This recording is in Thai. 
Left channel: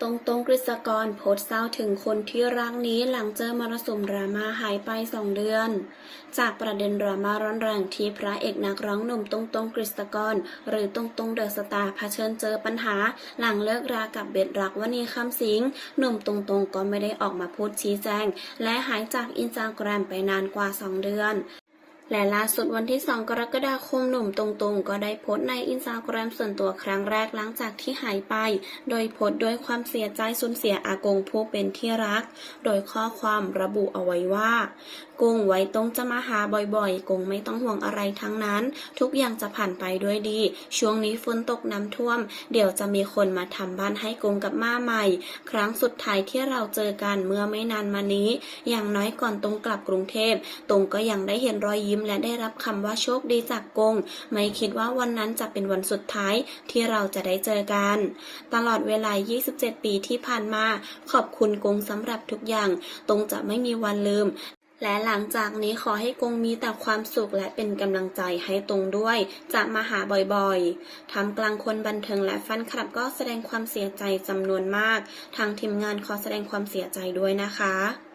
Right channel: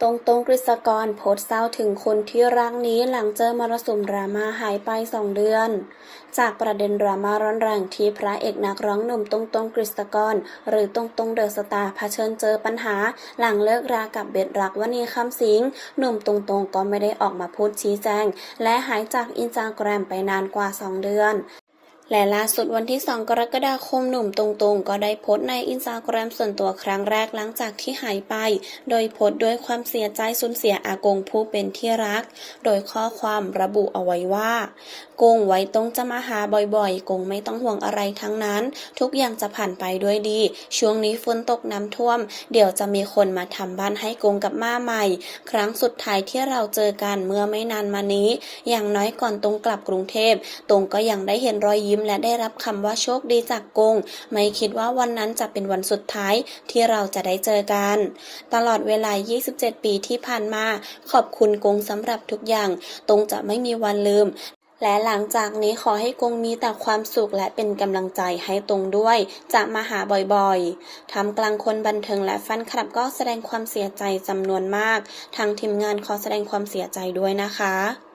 ตรงตรงกฤษกรโพสต์เศร้าถึงคนที่รักนี้หลังเจอมรสุมดราม่าหายไปสองเดือน จากประเด็นดราม่าร้อนแรงที่พระเอกนักร้องหนุ่มตรงตรงกฤษกร หรือตรงตรงเดอะสตาร์เผชิญเจอปัญหา หลังเลิกรากับเบดรักวณีคำสิงหนุ่มตรงตรงก็ไม่ได้ออกมาพูดชี้แจง และหายจากอินสตาแกรมไปนานกว่า 2 เดือน และล่าสุดวันที่ 2 กรกฎาคมหนุ่มตรงๆ ก็ได้โพสต์ในอินสตาแกรมส่วนตัวครั้งแรกหลังจากที่หายไป โดยโพสต์ด้วยความเสียใจสูญเสียอากงผู้เป็นที่รัก โดยข้อความระบุเอาไว้ว่ากงไว้ตรงจะมาหาบ่อยๆ กงไม่ต้องห่วงอะไรทั้งนั้น ทุกอย่างจะผ่านไปด้วยดี ช่วงนี้ฝนตกน้ำท่วม เดี๋ยวจะมีคนมาทำบ้านให้กงกับม่าใหม่ ครั้งสุดท้ายที่เราเจอกันเมื่อไม่นานมานี้ อย่างน้อยก่อนตรงกลับกรุงเทพ ตรงก็ยังได้เห็นรอยยิ้ยิ้มและได้รับคำว่าโชคดีจากกง ไม่คิดว่าวันนั้นจะเป็นวันสุดท้ายที่เราจะได้เจอกัน ตลอดเวลา 27 ปีที่ผ่านมา ขอบคุณกงสำหรับทุกอย่าง ตรงจะไม่มีวันลืมและหลังจากนี้ขอให้กงมีแต่ความสุขและเป็นกำลังใจให้ตรงด้วย จะมาหาบ่อยๆทำกลางคนบันเทิงและแฟนคลับก็แสดงความเสียใจจำนวนมาก ทางทีมงานขอแสดงความเสียใจด้วยนะคะ